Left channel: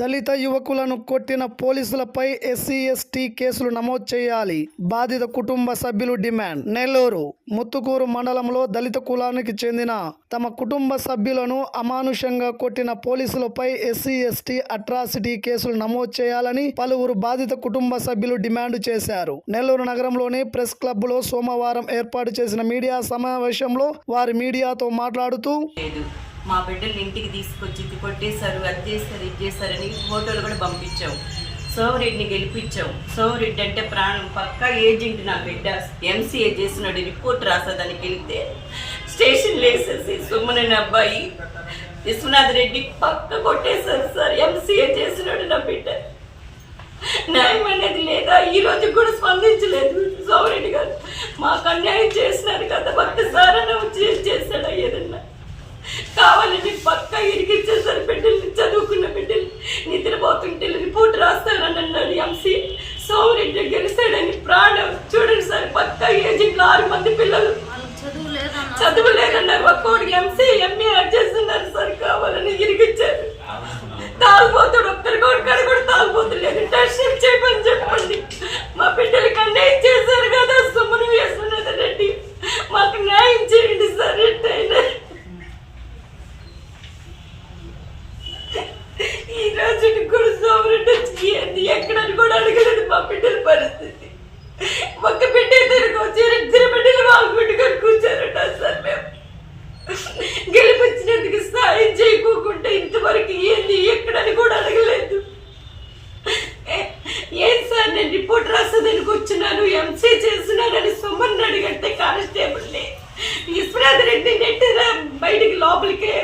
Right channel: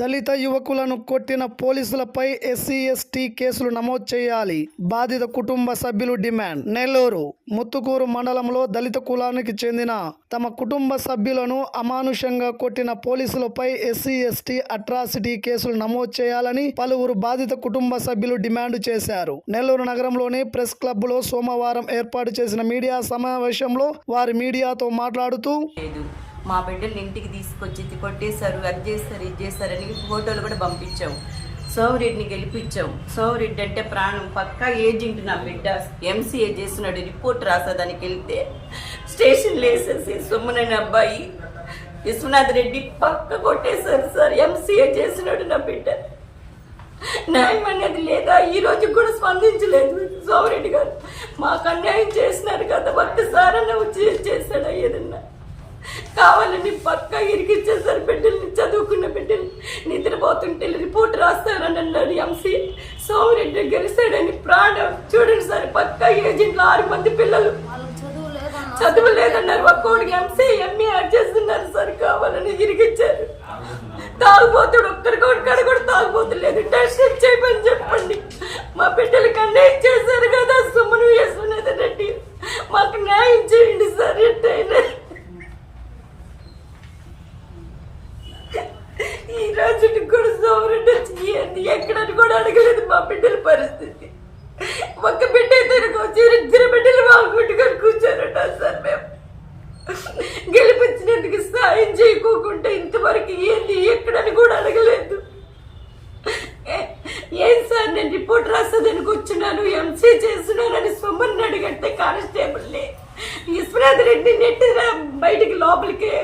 దళిత యువకులను కొట్టిన పోలీసులపై ఎస్సీ ఎస్టీ కేసులు నమోదు చేయాలి. బాధిత కుటుంబ సభ్యులు డిమాండ్. నెల్లూరు ముత్తుకూరు మండలంలో దళిత కులానికి చెందిన తమ కుటుంబ సభ్యులను అమానుషంగా కొట్టిన పోలీసులపై ఎస్సీ ఎస్టీ అట్రాసిటీ కేసులు నమోదు చేయాలని పలువురు బాధిత కుటుంబ సభ్యులు డిమాండ్ చేశారు. నెల్లూరు నగరంలోని ప్రెస్ క్లబ్లో సోమవారం ఏర్పాటు చేసిన మీడియా సమావేశంలో వారి మీడియాతో మాట్లాడుతూ మా బిడ్డల్ని ఇంటికి తీసుకొచ్చి ఇది కొట్టేశారు అది చేస్తారు ఇది చేశారని ఫోటోలు కూడా పంపించాం. సోమరెడ్డిని గెలిపించాం. సోమరెడ్డి అంటే ప్రాణం. పక్కా ఏజెంట్ నా బిడ్డ. ఎంసీఏ చేసినాడు రిపోర్ట్ రాసేదానికి వెళ్తే స్టేషన్ వేసేసి సుమ్మనని అబ్బాయి విశ్వనాథ్ రెడ్డి పక్క కొట్టేశారు సార్. ఎంసీఏ చేసినాడు నా బిడ్డ. న్యాయం అనేది లేదా? ఈ రోజు కూడా స్పందించలేదు సోమరెడ్డి గారు. మాకు అన్యాయం చేసినారు కదా. భక్తి సార్ అన్న చేశాడా ఏదన్నా కావాలని పక్క ఇరికిచ్చేసారు బిడ్డల్ని చదువుకున్న బిడ్డల్ని. నిద్రపోతుంటే రిపోర్ట్ రాస్తానని అన్నాడు ఎంసీ సోమరెడ్డి గెలిచాడని ప్రాణం. చూడండి సార్ పక్క ఏజెంట్లు ఆరు మంది పిల్లలు. చదువు లేదన్నారు ఒక్కోడికి ఎంసీ ఎంఏ యాడ్ చేస్తున్నారు సార్ కావాలని ఇరికిచ్చారు తాగుబోతుడు ఒక్కరికి కొడుకాడ కూడా తాగుబోతులేదు టెన్షన్ చేయమని చెప్పండి. మా బిడ్డలకి అన్నీ చేసి కదా సుమ్మను వేసుకున్నది రెడ్డి మాకు న్యాయం చేయండి సార్ ఎట్టయినా ఈ రోజు కూడా సోమరెడ్డి వచ్చి ఏంది ఎక్కడని కూడా అడగలేదు మా బిడ్డల పరిస్థితి ఒక్క బిడ్డ అయితే వచ్చి ఇద్దరు బిడ్డలు వాగుపెట్టుకొని కూర్చోరట సార్ మేము గెలిపించినందుకు సాయం చేయకోకుండా ఇంతవరకు ఏంది? ఎక్కడని కూడా అడగలేదు. ఏం సార్ నేను రిపోర్ట్ రాసేదానికి వచ్చినాను? ఎంసీ చేస్తున్నానని సొమ్మని అడిగట్టే కానిస్టేబుల్ని విశ్వనాథ్ రెడ్డి నెట్టిరా బయటికి లోపలికే.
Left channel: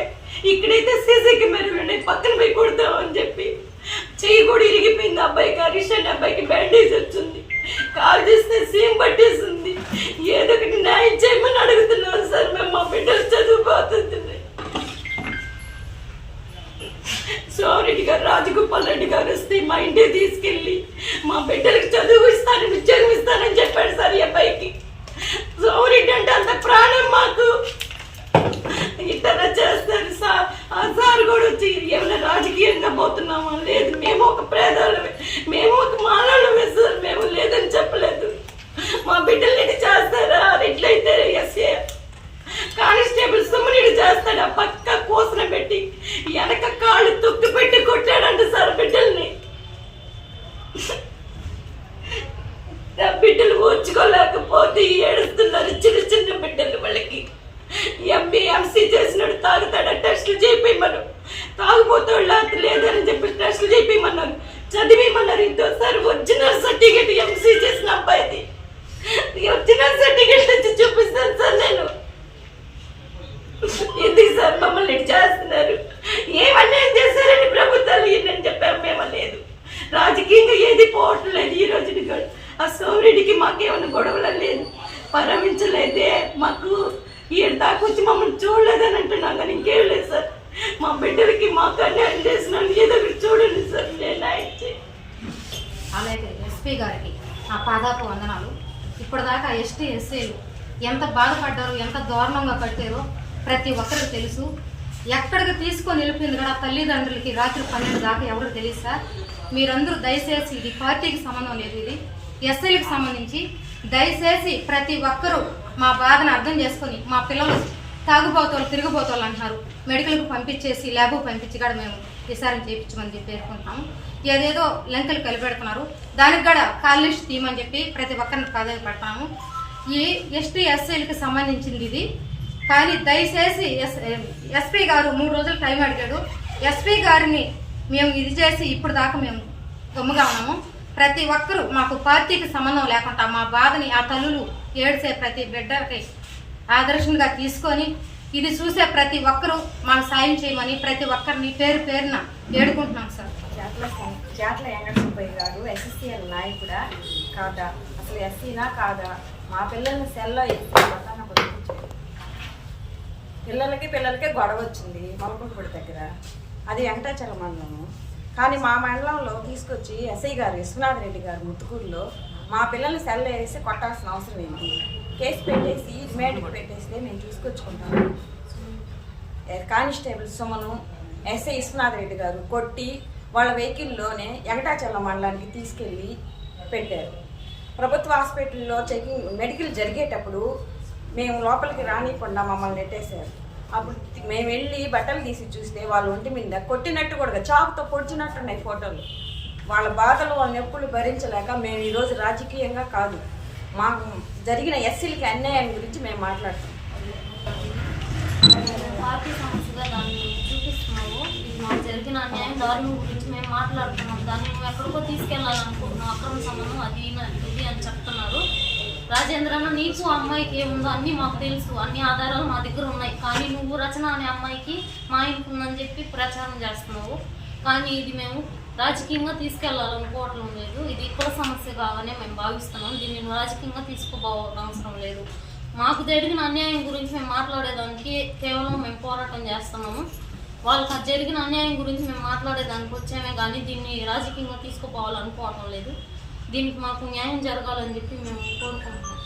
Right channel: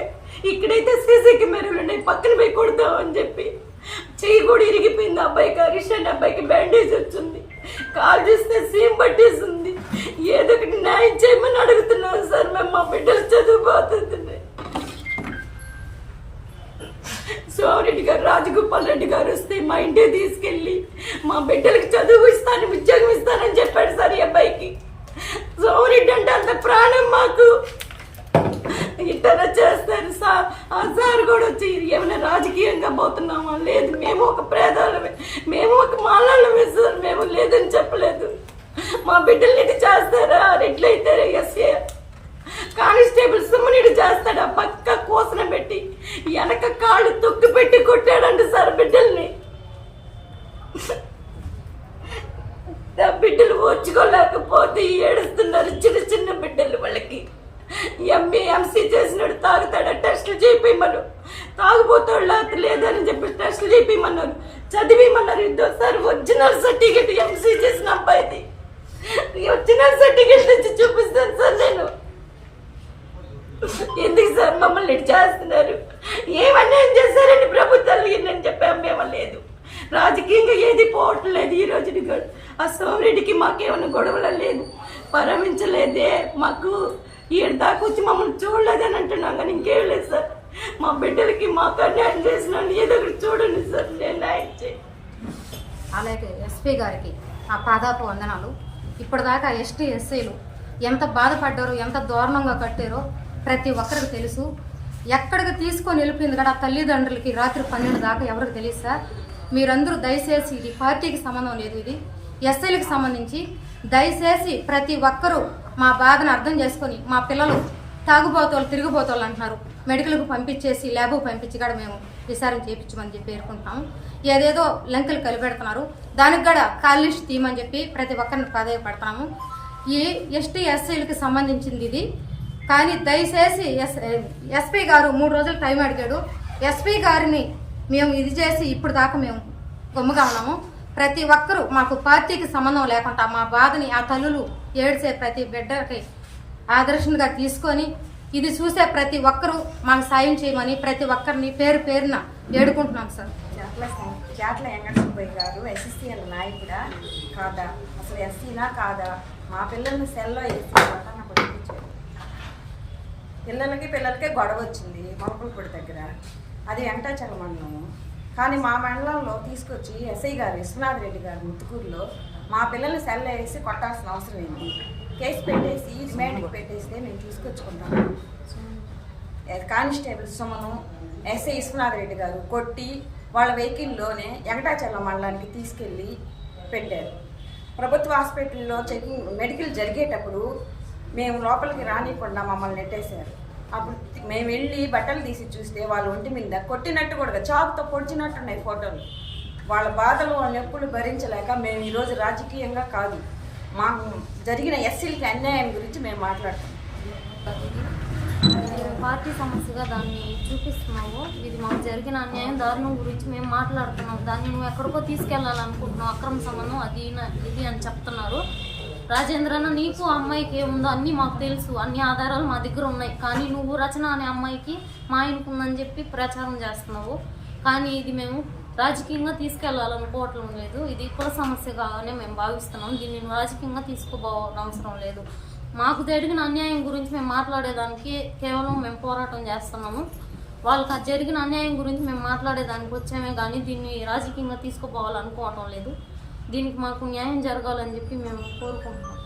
ఇక్కడైతే సీసీ కెమెరాలు ఉన్నాయి పక్కన పోయి కొడతామని చెప్పి. చెయ్యి కూడా ఇరిగిపోయింది అబ్బాయికి అరిషన్ అబ్బాయికి బ్యాండేజ్ వచ్చింది. కాల్ చేస్తే సీమ్ పట్టేసింది. ఏదో ఒకటి న్యాయం చేయమని అడుగుతున్నాం సార్ మేము మా బిడ్డలు చదువుపోతుంది సోమరెడ్డి గారు రాజగోపాల్ రెడ్డి గారు వస్తే మా ఇంటికి తీసుకెళ్ళి మా బిడ్డలకు చదువు ఇస్తాను ఉద్యోగం ఇస్తానని చెప్పాడు సార్ ఈ అబ్బాయికి. సోమరెడ్డి అంటే అంత ప్రాణం మాకు. ఇట్లా చేస్తారు సార్ ఆ సార్ కూడా వచ్చి ఏమైనా రాజకీయంగా పోతున్నామా లేదు మేము ఒక పేదవాళ్ళమే మేము ఒక మాలాళ్ళమే సార్ మేము లేదని చెప్పలేదు. మా బిడ్డలు ఇది చేస్తారా? ఎట్లయితే ఎస్ఏ కానిస్టేబుల్ సుమ్మనిడు చేస్తాడు ఆ పక్క కోసన పెట్టి వెనక కాళ్ళు తొక్కి పెట్టి కొట్టాడంట సార్ బిడ్డల్ని ఆ బిడ్డలు ఓర్చుకోలేకపోతే ఏడుస్తున్నారు చిన్న చిన్న బిడ్డలు వాళ్ళకి ఎంబీ ఎంసీ చేసినాడు తాగుతాడు టెస్టులు చేయించమను తాగుపోతాడు లేదని చెప్పి టెస్టులు చేయించమన్నారు చదివేయమన్నారు సార్ ఒరిజినల్ సర్టిఫికేట్ ఎంసీ చేసిన అబ్బాయిది. ఒరిజినల్ సర్టిఫికేట్ తెచ్చి చూపిస్తాను సార్ నేను. ఎందుకు సార్ మమ్మల్ని ఇటు చేస్తున్నారు? ఏమన్యాయం చేశారని ప్రభుత్వాలు నేను చెప్పాము మేము లేదు. రాజకీయంగా ఏది పోవటం లేదు ఈ రోజుకి కూడా. ఆ సోమరెడ్డికి మాకేమైనా గొడవలు లేదు. పరమించలేదే. మాకు ఈడ దాకా వచ్చి మమ్మల్ని చూడలేదని అంటున్నాం కానీ ఇంకేం లేదు సార్. మా బిడ్డలకి మాకు అన్యాయం చేసినాను ఏదో ఒకటి చూడండి సార్. నేను న్యాయం అలాగే ఎస్పీ గారికి ఆ పాదాపు వందనాలు. ఇప్పటిదాకా ఎస్టీ ఎస్సీలు ఎంత బాధపడ్డారో ఎంత దారుణంగా కట్టారో ప్రతి ఒక్కరికి తెలుసు. ఎక్కడికి తీసుకొని వెళ్ళిపోయింది కదా ఆ తల్లిదండ్రులకి రాత్రి పన్నెండు దాకా ఎవరికి తెలియదు సార్. మీరందరూ దయచేసి ఇది పార్టీకి సంబంధం లేదు ఇది. ఎస్ఐలకు సంబంధించి దయచేసి ప్రతి ఒక్కరూ మా బాధను అర్థం చేసుకొని మా పిల్లలు తాగుబోతోళ్ళు తిరిగిపోతోళ్ళు అంటున్నారు. మెడికల్కి పంపించేసి ల్యాబ్ పంపించి కూడా మేము విసారం చేయించమని చెప్పి పేర్కొంటున్నాము ఏదేదో లెంకలు కలిపెడుతున్నారు. దానికి కూడా కాల్ లిస్ట్ తీయమని చెప్పి ప్రతి ఒక్కరిని ప్రాధాన్యపడతాము ఈ ఎస్టీ ఎస్సీలకు సంబంధించింది ఇది. కానీ దయచేసి ఎస్ ఎస్పీ గారు మూడు రోజులు టైం అడిగాడు. ఎస్పీ గారిని మేము ఇది చేసి ఇప్పుడు దాకా మేము గమ్ముగా ఉన్నాము. ప్రతి ఒక్కరూ మాకు పార్టీకి సంబంధం లేకుండా మా బాధని ఆ తల్లులు ఏడ్చే ప్రతి బిడ్డకి ఆదర్శంగా తీసుకొని ఇది చూసే ప్రతి ఒక్కరూ మాకు సాయం చేయమని ప్రతి ఒక్కరిని పేరు పేరున వేడుకుంటున్నాం సార్. జాట్ల జాట్ల వెంకట సుబ్బయ్య గారు ఎస్ఎస్సీఎల్ నాయకుడా కాదా? అసలు ఎస్సీనా కాదా? మా పిల్లల్ని సెల్లో వేసి కొట్టాన కొట్టుకొచ్చాడు పిల్లలకి పిల్లలకే గొడవ వచ్చింది మొలకలపూడి దగ్గర. అది వెంకటాచల మండలము. కానీ మా మండలంలో తీసుకొచ్చి ఎస్ఐ గారు విశ్వనాథ్ రెడ్డి గారు ముత్తుకూరులో మా పిల్లల్ని సెల్ వేసి కొట్టాల్సిన అవసరం ఏంటి? కేసు పెట్టేసి రిమాండ్కి పెట్టేస్తే మేము తీసుకొచ్చుకుంటాము కానిస్టేబుల్ సుమను ఎస్ఐ విశ్వనాథ్ రెడ్డి గారు కొట్టి వాళ్ళ వెహికల్లోనే ఎగటాచల్ల మండలానికి తీసుకెళ్ళి పెట్టారు. ప్రభుత్వ హాస్పిటల్లో చెకింగ్ మెడికల్ జరిగేటప్పుడు మేము లోపలికి రానికుండా మమ్మల్ని నెట్టేశారు. అప్పుడు మేము వెళ్ళి బట్టలు తీసి చూస్తే వాళ్ళ ఒంటి మీద కొట్టినట్టు కూడా చాకుతో పొడిచినట్టున్నాయి ఫోటోలు. వాళ్ళ బాధలు వాళ్ళ నొప్పులు భరించలేక మేము ఈరోజు రాజకీయంగా కాదు. మాకు జరిగిన ఎస్సీలకి అన్యాయం గురించి మేము మాట్లాడుతున్నాం. మేము పార్టీ సమస్యగా దాన్ని చూపిస్తున్నాము. ఇది మాకు జరిగిన అన్యాయం దారుణం గురించి మేము మాట్లాడుతున్నాం. దాన్ని మేము ఎక్కడికో తీసుకెళ్ళాలనుకుంటున్నాం. అక్రమ సంబంధం అది ఇది అని చెప్తున్నారు. రాజేంద్రన్న నీకు ఆ అమ్మాయికి ఏముందో అన్నీ మాకు తెలుసు. అన్ని ఆధారాలు మా దగ్గర ఉన్నాయి. కానీ నువ్వు రచన అనే అమ్మాయికి మా ఇంటికి ఉందని చెప్పి ప్రచారం చేస్తున్నావు. కానీ ఇది మేము రాజకీయంగా తీసుకెళ్ళాలనుకోవటం లేదు. ఇది కుల సమస్య కాగానే మేము భావిస్తున్నాం. దీన్ని రాజకీయంగా తీసుకోబోవడం అవసరం లేదు. మాకు జరిగిన అన్యాయం గురించి మేము మాట్లాడేదానికి కేవలం మేము పోరాటం చేస్తున్నాము. వాళ్ళకి అది జరిగిన అన్యాయం గురించి మేము మాట్లాడేదానికి వచ్చామే. కానీ దీన్ని రాజకీయంగా తీసుకుపోవాలనుకోవటం లేదు. దీనికి మాకు న్యాయం జరగాలని చెప్పి మేము కోరుకుంటున్నాం.